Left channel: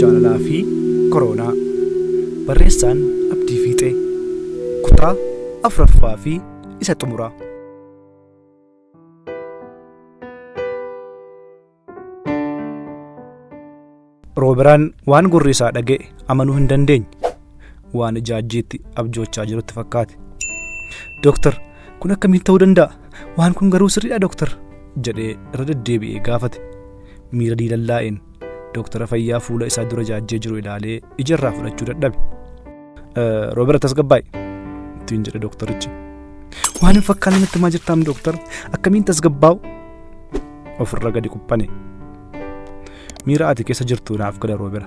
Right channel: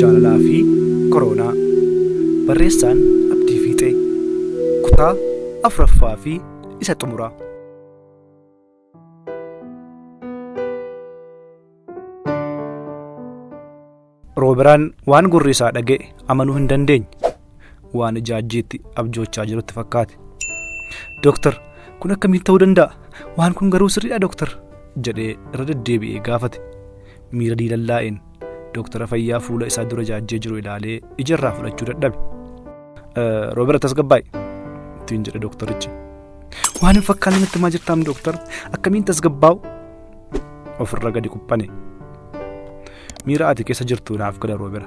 Jaalalaa fi Koronaa. Barreessaan Abdii Fiixee. Kutaa 4ffaa fi isa xumuraa. Rooberaan waan gurri isaa dhaga'e amanuu hin dandeenye. Waan ijaajjiitti abjoochaa jirutti fakkaate. "Dooktar, kun akkamiin ta'uu danda'a? Waan kun garuu sirriidha dooktar?" jedhee irra deddeebi'ee gaafate. Miira diilallaa'een dooktara fayyaa fuula isaa dura ijaajjee jiru ilaalee ijarraa fudhachuu dadhabe. "Roober, tasgabbaa'i" ittiin jedhe dooktarichi. "Waan hin fakkaanne natti himaa jirtaam dooktar, akkamiin tasgabbaa'u?" ofirra gadi kuphane. "Miira ati keessa jirtu naaf gala Roobera.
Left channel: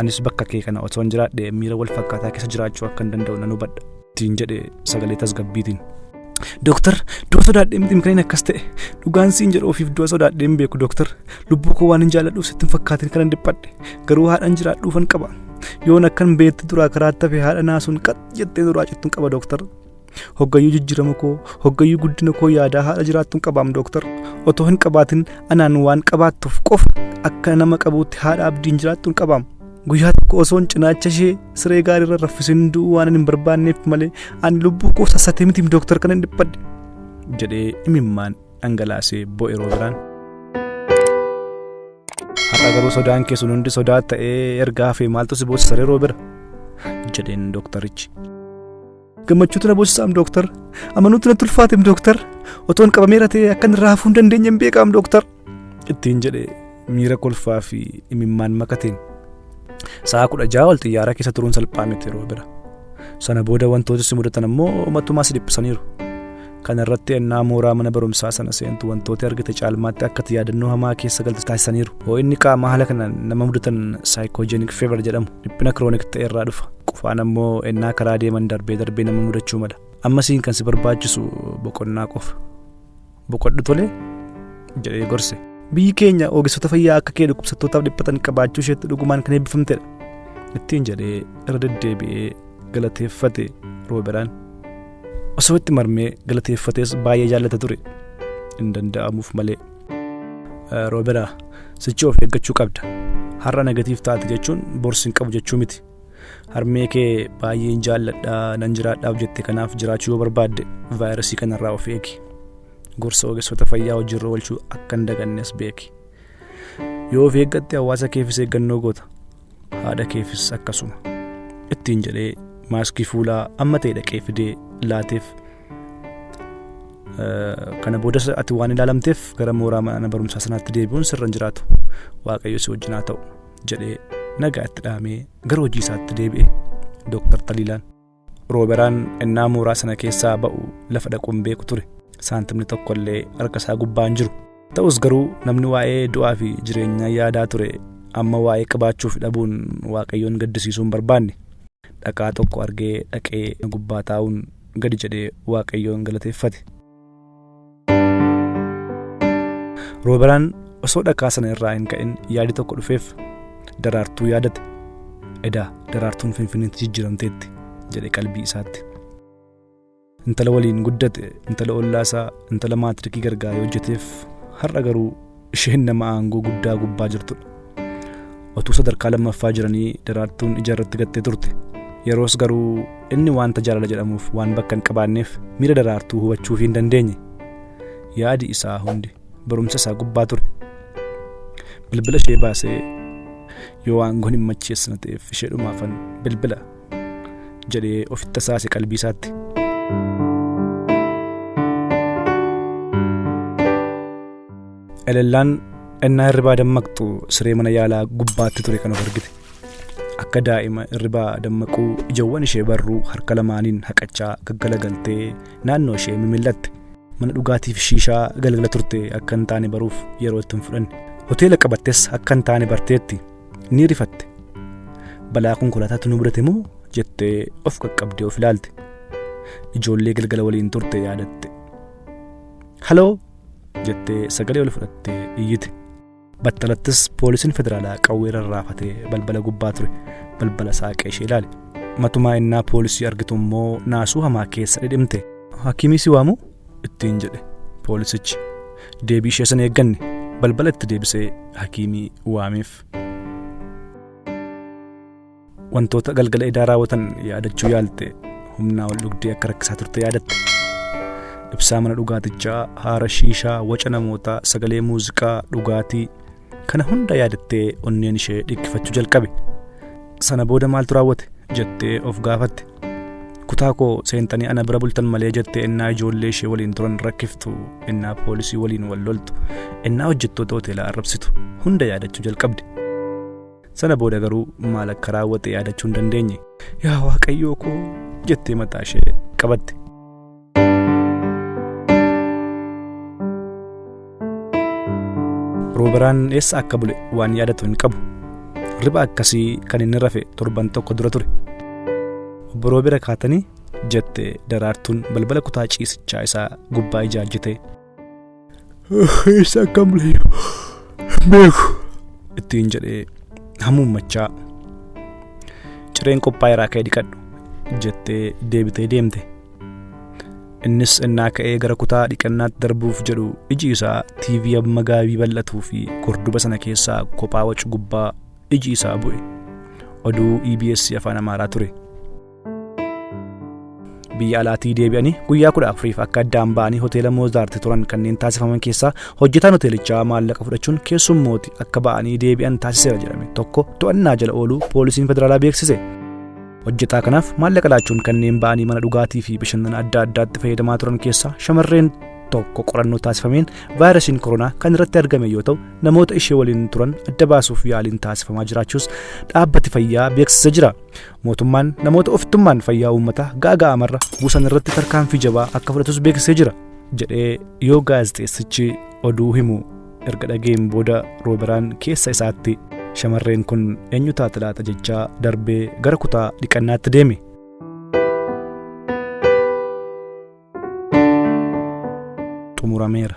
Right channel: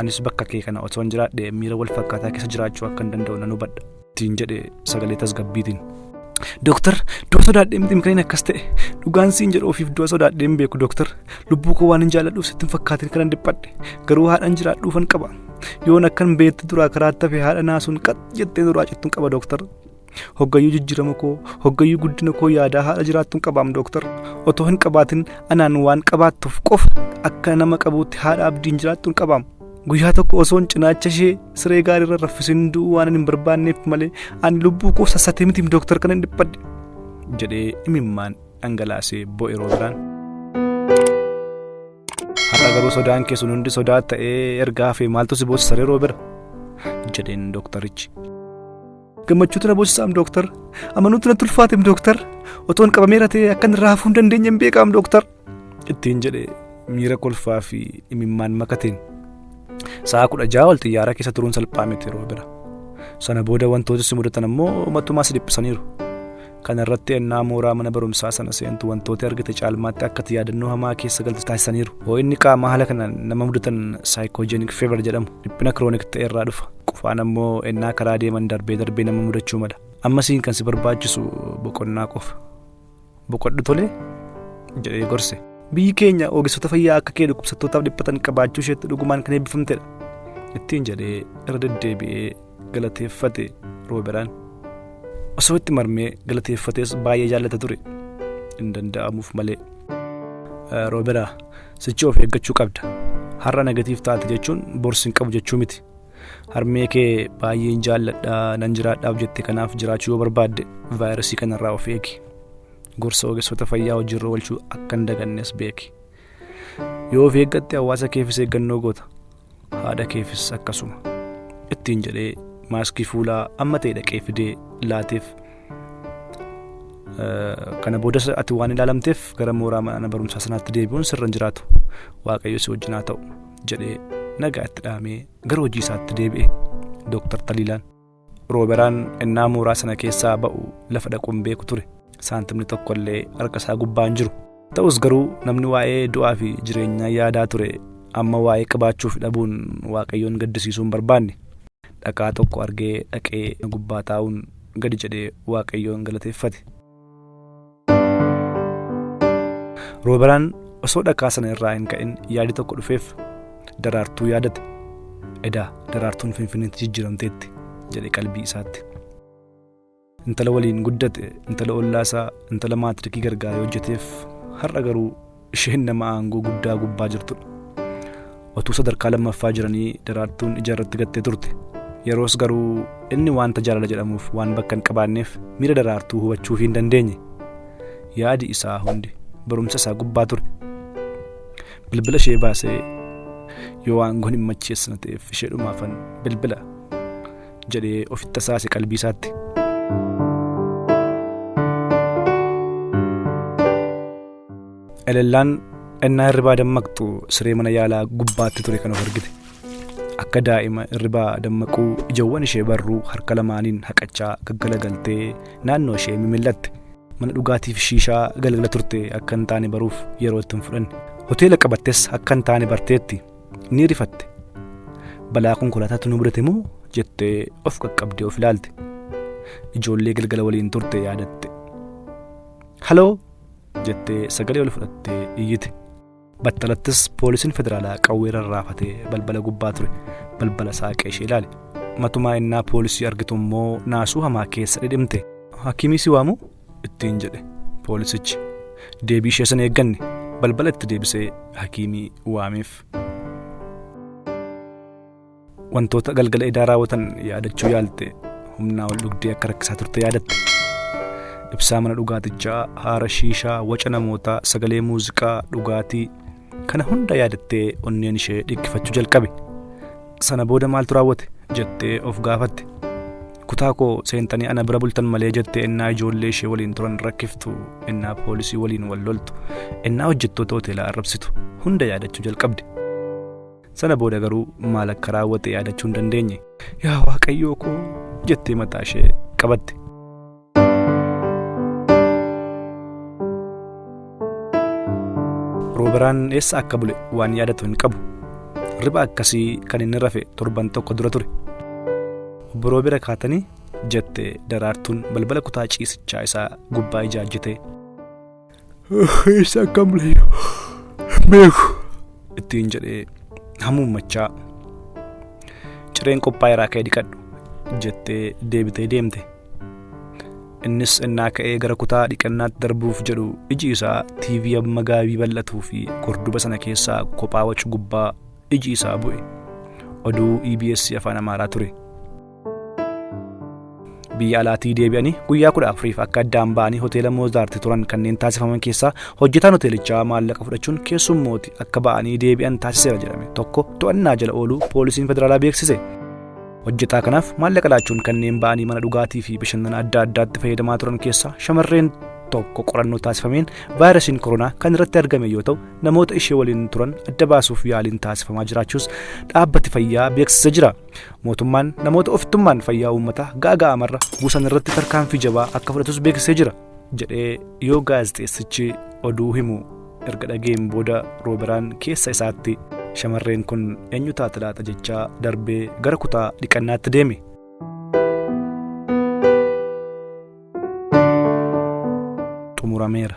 Anis bakka kee kana osoo hin jiraadhe miira wal fakkaataa keessa jiraachuu akka hin danda'u nan hubadha" ittiin jedhe sagalee tasgabbiitiin. "Dooktar, du'a sodaadhee miti kan akkas ta'e. Dhugaan siin jedhu ofiif du'a sodaadhee hin beeku dooktar. Lubbuu koo waan hin jaalladhuuf sitti hin fakkaatin kanan dhiphadhe. Garuu haadhaan jiraadhuufan qaba. Yoon akkan beetti duraa karaatti hafe haadha naasuun qax jettee duraa cittuun qaba dooktar. Hoggayyuu jijjiirama koo, hoggayyuu guddina koo yaadaa haadha jiraattuun qabaam dooktar. Otoo hin qabaatin anaan waan qabaattuuf qofa akka nama qabuutti haadha abdiin jiraattuun qabaam. Guyyaa tokko osoon cinaacha ishee siree gaariirra raffisin du'uu waan hin barbaanneef malee ani lubbuu koo sassatee mitiim dooktar kanan dhiphadhe" jedhee imimmaan dhangalaasee bo'e Rooberaan. "Har'a garuu sodaan kee sun hundi sodaa ta'ee erga hafee maaltu si boosisaree Roobera?" jedheen dooktarichi. "Gammachuutu na boosisaam dooktar. Amanuutu natti ulfaateem dooktar. Otoon qabameera ta'ee akkan irraa hafuu hin dandeenye hin beekaam dooktar" ittiin jedhe miira kolfaa fi imimmaan makateen. Sa'a 16 ol xiyyaara keessa turuun salphaa miti Roobera. Sana booda wantoota si mudatan ammoo matumaa si dhiphisaniiru. Kana irratti ennaa mooraa mana barumsaa sana seentu wantoota argite caalmaatti akka yaadannoo hamaa keessa galtu taasisaniiru. Ho'inni qaamaa haala kanaan nama mudatan saayikoojeenik feevar jedhamu dhiphina kiroonik ta'e irraa dhufa. Qufaan ammoo ennaa karaa deeman darbee nama mudachuu mala. Ammasiin kan si barbaachisu boqonnaa qofa. "Boqodhu tolee" jedhee gorse. "Biyyi keenya ogeessota fayyaa akka kee dhukkubsattootaaf dhiphatan qabaachuu isheetti dhugumaan kan eebbifamtedha" ittiin jedhee irra deddeebi'ee galateeffate Rooberaan. Osoo itti marmee galateeffatees baay'ee jaallata ture. Hin danda'amuuf malee. "Rooberaa, sichi of eeggachuu qabda. Har'a negatiif taate jechuun borsi hin qabu jechuu miti. Harmee kee baay'een jaalladhaa nan jiraadhaaf jette kanaaf jiraachuu yoo barbaadde vaayirasii kanarraa of eegi. Gorsa ogeessota fayyaa hojiirra oolchuu akka hin dagannes beeki. Yoo of eeggatte hawaasa keefis eeggannoo goota. Haadha keefis akkasuma" ittiin jedhee maaskii fuulaa amma ta'e dhaqee fidee laateef. "Kana boodas ati waan ilaalamteef gara mooraa mana barumsaa sanaatti deebi'uun sirra hin jiraatu. Waaqayyo si wajjin haa ta'u" jedhee nagaa itti dhaamee gara hojii isaatti deebi'e Dooktar Taliilaan. Rooberaan ennaa mooraa sana keessaa ba'u lafa dhaquun beeku ture. Saantimni tokkollee harka isaa gubbaa hin jiru. Ta'us garuu namni waa'ee du'aa fi jireenyaa yaadaa ture amma waa'ee qabaachuu fi dhabuun Waaqayyoon gaddisiisuu hin barbaanne. Dhaqaa tokko argee dhaqee gubbaa taa'uun gadi jedhee Waaqayyoon galateeffate. Rooberaan osoo dhakaa sana irraa hin ka'in yaadi tokko dhufeef Daraartuu yaadate. "Edaa Daraartuun Finfinneetti jijjiiramteetti" jedhe qalbii isaatti. Intala waliin guddate, intala ollaasaa, intala maatirikii gargaaree hojjeteef har'a garuu isheen nama aangoo guddaa gubbaa jirtudha. Otuu sadarkaa lammaffaa jiranii Daraartuun ija irratti gattee turte. Yeroos garuu inni wanta jaalala jedhamuuf waan bakka hin qabaanneef miira Daraartuu hubachuu hin dandeenye. Yaadi isaa hundi barumsa isaa gubbaa ture. Bilbila ishee baasee yoo aangoon hin macheessina ta'eef isheedhumaafan bilbila jedhee ofitti tasaase qalbii isaatti. Elellaan ennaa hirribaa dammaqxu siree mana yaalaa gubbaatti ture kan of argite. Akka daa'ima hirribaa dammaquu ijawwan ishee barruu harka lamaaniin haqachaa gaggalagaltee naannoo ishee mimillatte. Mana dhugaatiif shiishaa galgala turte akka hin taane baruuf yeroo itti hin fudhanne. Hoteela qabattes akka hin taane barteetti ni rifatte. Balaa konkolaataatu nu mudate moo jettee of qaqqabdee of ilaalte. Ijoollee galgala waliin turte yaadatte. "Haloo" jettee sagalee ol fudhattee iyyite. Battalattis poolisiin federaalaa qawwee rarraafatee balbala gubbaa ture. Balbala saaqee ishee ilaale. Matumaa innaa poolisii argitu immoo naasuu hamaa keessa dhidhimte. "Hakiimii si waamu?" ittiin jedhe poolisichi. Deebii ishee sana eegganne balbala itti deebisee hakiimii waameef. wantoota galgala edaa raawwatan yaadachuu yaalte humnaa ol dhugdee akka rakkisaa turte yaadatte. Ibsaa mana dhugaatichaa, haara shiishaa, waca namootaa, sagalee muuziqaa, dhugaatii kana hunda yaadattee onneen ishee dhikkifachuu jalqabe. Sana booda maaltu raawwate jettee of gaafatte. Kutaa koo seentanii ana bira bultan malee jettee innaa ijoollee ishee waliin turan rakkiftu, innaa poolisii waliin wal loltu, innaa hojjettoota hoteelaa arrabsitu hunda yaadachuu jalqabde. Sana booda garuu maal akka raawwate yaadachuu hin dandeenye. Yaa Waaqayyoo koo jettee mataa ishee qabatte. Rooberaan eessa akka bule waan yaadatu hin qabu. Riba akkasii kan inni rafe torban tokko dura ture. Obbo Roobera kaatanii jette Daraartuun balbala kutaa ciisichaa isaa gubbaa ijaajjite. Eessa akka bule beeku ittiin jedhee hamuummachaa. Cireen qophaa'eeraa ka'ee dhiqadhu jettee deebitee deemte. Innis innaa ka'ee gara kutaa dhiqannaatti darbuuf jedhu iji isaa TV amma gaabii bal'atuu fi gorduba sana keessaa kophaa wacu gubbaa iji isaa bu'e. Oduu EBS afaan Amaaraa ture. Biyya alaatii deebi'anii guyyaa 14 akka addaan ba'anii hoteela Moozaarti turan kanneen taasifaman keessaa hojjetaan hoteelichaa maallaqa fudhachuun keessummooti akka ba'anii deebi'an taasiseera jedhame tokko to'annaa jala ooluu poolisiin federaalaa beeksise. Hojjetaa kanaaf maallaqa laachuun kanneen ba'anii mana dhugaatii fi bashannana adda addaatti fayyadamaa turan keessaa shamarreen tokko qorannoo taasifameen vaayirasiin koronaa kan irratti argame yoo ta'u, namoota ishee waliin turan adda baasuuf yaaliin taasifamaa jiraachuus dhaabbati fayyaa beeksisee jira. Mootummaan namoota ofittummaan fayyaa uummataa gaaga'amarra buusan irratti tarkaanfii jabaa akka fudhatus beeksisee jira jedhee yoo gaazexeessichi oduu himu erga dhageen booda Rooberaan keessa isaatti shamarreen kun eenyu taate laata jechaa darbee gara kutaa dhiqannaatti deeme. Xumurameera.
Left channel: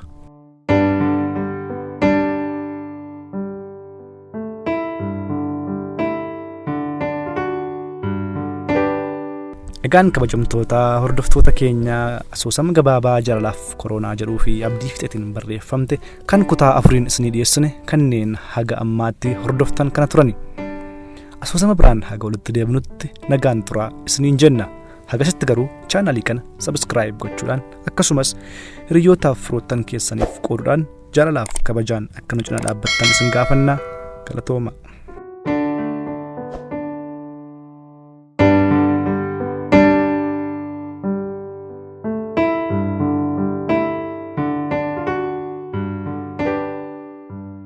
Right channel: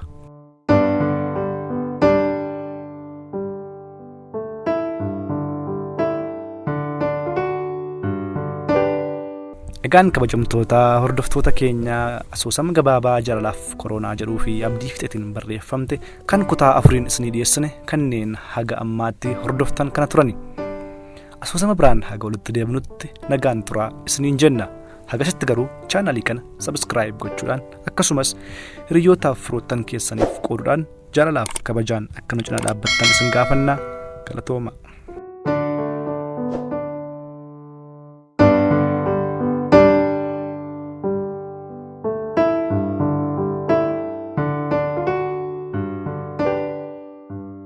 Egaan kabajamtoota hordoftoota keenyaa asoosama gabaabaa jaalalaaf koronaa jedhuu fi abdii fixeetiin barreeffamte kan kutaa 4 isinii dhiyeessine kanneen haga ammaatti hordoftan kana turani. Asoosama biraan haga walitti deemnutti nagaan turaa isiniin jenna. Hagasitti garuu chaanalii kana subscribe gochuudhaan akkasumas hiriyootaaf firoottan keessaniif qooduudhaan jaalalaaf kabajaan akka nu cinaa dhaabbattan isin gaafanna. Galatooma.